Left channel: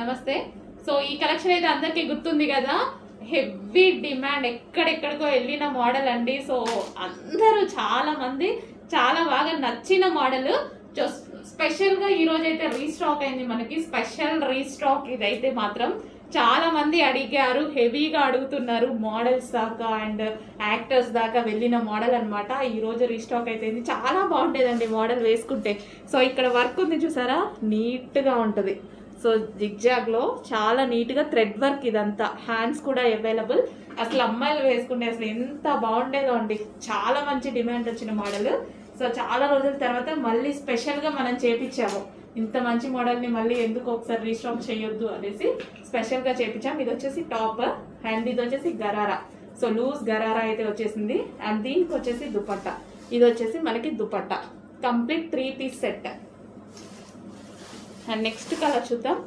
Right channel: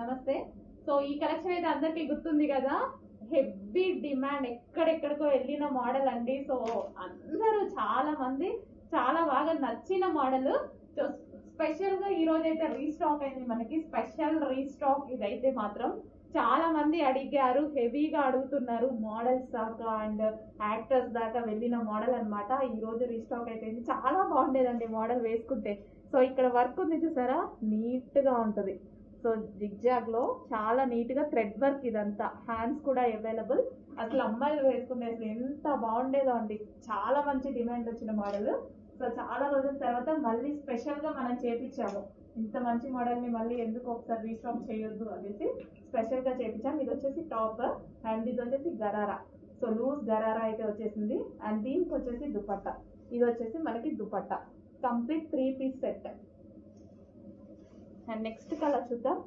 నమస్తే. సో ఈ కలెక్షన్ అయితే అందరికీ గుర్తుంది కదా, హెవీ డిమాండ్, ఎక్కడెక్కడికో వెళ్ళిన మోడల్ అండి. సో అందరూ చాలా మంది చాలా బాగా నచ్చిన మోడల్. స్పెషల్గా ఈరోజు అయితే రీస్టాక్ అయింది, మనకి స్పెషల్ రీస్టాక్ ఇదైతే మాత్రం. చాలా మంది అడిగారు, హెవీగా అడుగుతున్నారు, మోడల్స్ దాకా అండ్ యాక్టర్స్ దాకా వెళ్ళిన మోడల్ అనమాట. ఈరోజు రీస్టాక్ అయితే చాలా బాగుండేదండి మోడల్ వేసుకుంటే. సో ఇక్కడ వర్క్ ఉంది చూసారా, నీట్గా ఉంటుంది. సో జిగ్జాగ్లో చాలా నీట్గా థ్రెడ్ వర్క్, ఇదంతా హ్యాండ్స్ కూడా అవైలబుల్. అసలు అమ్మాయిలు వేసుకుంటే అసలు ఎంత బాగుండేదో అండి, చాలా మంచి డిమాండ్ వచ్చిన మోడల్. సో చాలా రోజుల తర్వాత మళ్ళీ స్పెషల్గా మనం చేపించాము. ఇంత మంచి మోడల్ని మళ్ళీ ఎందుకు ఒకసారి రీస్టాక్ చేయొద్దు అనేసి స్పెషల్గా చేపించాం. ఇది వచ్చేసి టాప్ అండ్ ఇది వచ్చేసి గరారా. సో లూజ్ గరారా అయితే వచ్చేసింది. అండ్ దీనికి వచ్చేసి దుపట్టా, ఇది వచ్చేసి మనకి dupatta complete 3 piece set. And next colour చూద్దాం.